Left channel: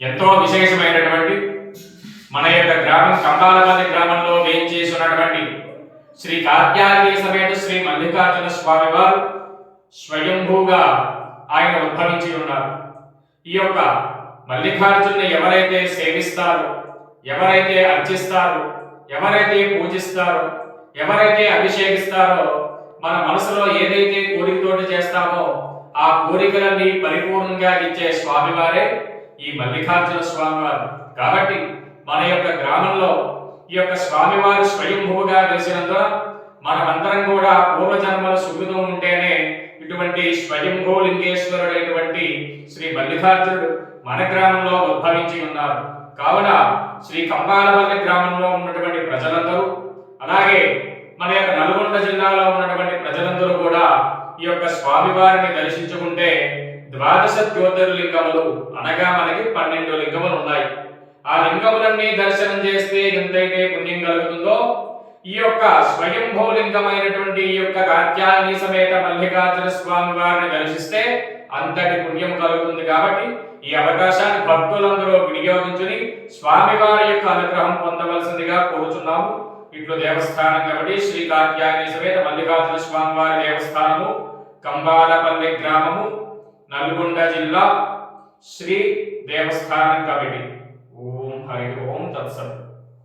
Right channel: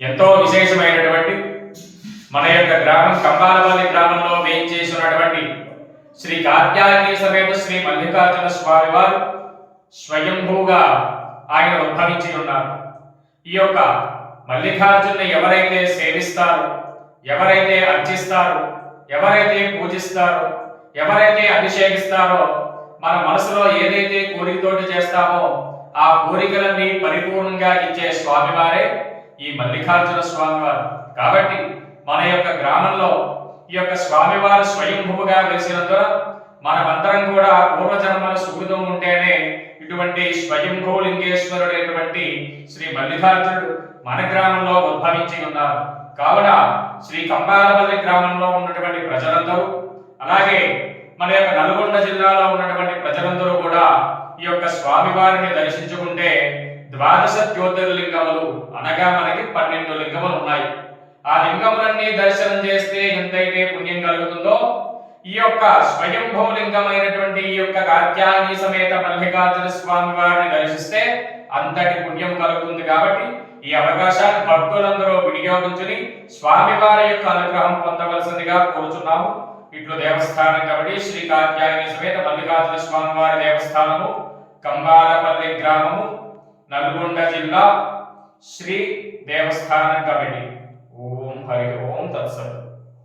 ఎంతో విశేషమైనటువంటి మన యొక్క గ్రామం కంబాలపల్లి గ్రామంలో వేయించేసి ఉన్నటువంటి శ్రీ కాత్యాయని సమేత శ్రీ మల్లికార్జున స్వామి వారు స్వయంభూగా ఆయన ఉద్భవించి ఉన్నారు. ఈ యొక్క మల్లికార్జున ఎవరైతే సేవిస్తారో ఎవరైతే అర్చిస్తారో ఎవరైతే పూజిస్తారో ఎవరైతే అభిషేకిస్తారో మన మనసులో ఏదైతే కోరికతోటి చేస్తామో ఆ కోరికలన్నీ పరిపూర్ణంగా ఇచ్చే స్వామివారే ఈ మల్లికార్జున స్వామివారు. కాబట్టి మన యొక్క గ్రామంలో ఈ యొక్క స్వామివారు స్వయంభూగా వెలిసినందున మనమందరం కూడా పూర్వజన్మల సుకృతం ఉంటేనే ఇటువంటి స్వయంభూ లింగేశ్వరుడైనటువంటి శ్రీ మల్లికార్జునుడు మన గ్రామంలో ఉద్భవించి ఉన్నారు. కావున శ్రీ కంబాలపల్లి గ్రామంలో ఉన్నటువంటి ప్రజలందరూ అలాగే మన యొక్క నల్గొండ జిల్లాలో ఉన్నటువంటి ప్రజలందరూ కూడా ఈ యొక్క స్వామివారిని దర్శించుకుంటే ద్వాదశ జ్యోతిర్లింగములు అనగా మనకి పన్నెండు లింగములు ఉన్నాయి. ఆ లింగములన్నీ దర్శనం చేస్తే ఎంతైతే పుణ్యం కలుగుతుందో ఈ యొక్క స్వయంభూ లింగమైనటువంటి ఈ యొక్క కాత్యాయని సమేత మల్లికార్జున స్వామి వారిని దర్శిస్తే అంతటి పుణ్యం కలుగుతుంది కాబట్టి ఈ అవకాశాన్ని భక్తులందరూ వినియోగించుని స్వామివారి యొక్క అనుగ్రహం పొందవలసిందిగా కోరుచున్నాము. ఇట్లు దేవస్థానం కాబట్టి శ్రీ కాత్యాయని సమేత మల్లికార్జున స్వామి వారి దేవస్థానము కంబాలపల్లి గ్రామము నల్గొండ జిల్లా శ్రీ దేవస్థానం కాబట్టి. ఓం హరి ఓం తత్సత్.